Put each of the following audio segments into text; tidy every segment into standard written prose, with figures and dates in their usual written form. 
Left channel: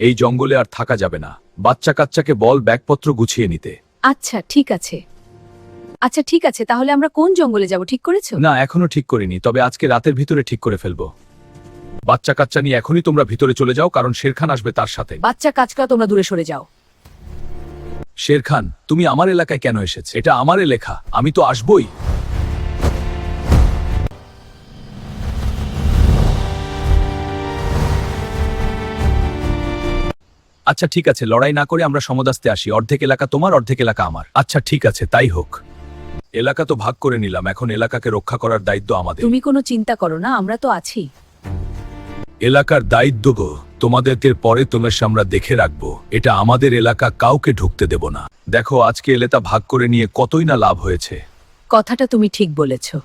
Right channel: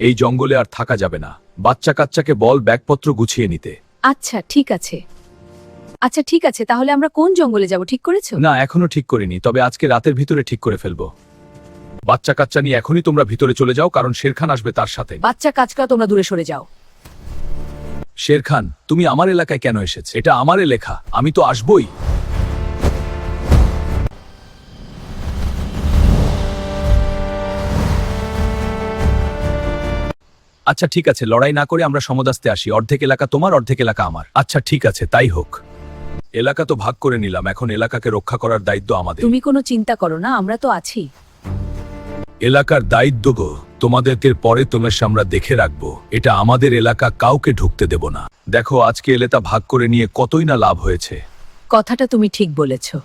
এই জঙ্গলে আর থাকা যাবে না। বাচ্চা কাচ্চাকে বল ব্যাগপত্র গুছিয়ে নিতে। আচ্ছা ঠিক আছে। আচ্ছা ঠিক আছে, তাহলে আমরা কোন জঙ্গলে যাব ঠিক করেছো? না, এখনো ঠিক করিনি, তবে আজকে রাতের ভিতরে ঠিক করে ফেলবো। বাচ্চা কাচ্চা নিয়ে এখনই তোমরা ভিতরে চলে যাও, কারণ শেরখান আসবে তার সাথে। বাচ্চা কাচ্চা তোমরা দূরে সরে যাও। শেরখান, তুমি আমার এলাকায় কেন এসেছ? এটা আমার এলাকা, আমি তো আসবই। আচ্ছা ঠিক আছে, লড়াই না করে আমরা সমদাস্তে আসি। অর্ধেক এলাকা তোমার, অর্ধেক এলাকা আমার। আচ্ছা ঠিক আছে, তাই হোক। এলাকা তো ভাগ করে নিলাম, এখন এলাকাকে রক্ষা করার দায়িত্ব আমাদের। তুমি কোনো চিন্তা করো না, আমরা তো আছি। এলাকার দায়িত্ব গো, তোমাদেরকে পরে তোমার আমরা দেখে রাখবো। এটা আমাদের এলাকা, কাউকে ঢুকতে দেব না। দেখো আজকে এলাকা ভাগ করে নিয়ে কতই না লাভ হয়েছে। কথাটা তুমি ঠিক বলেছো।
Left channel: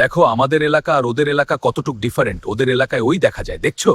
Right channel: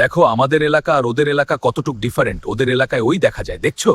দেখো আমাদের এলাকা আর ওদের এলাকা কতটুক ডিফারেন্ট। ওদের এলাকায় ওই দেখা যায়, দেখছো?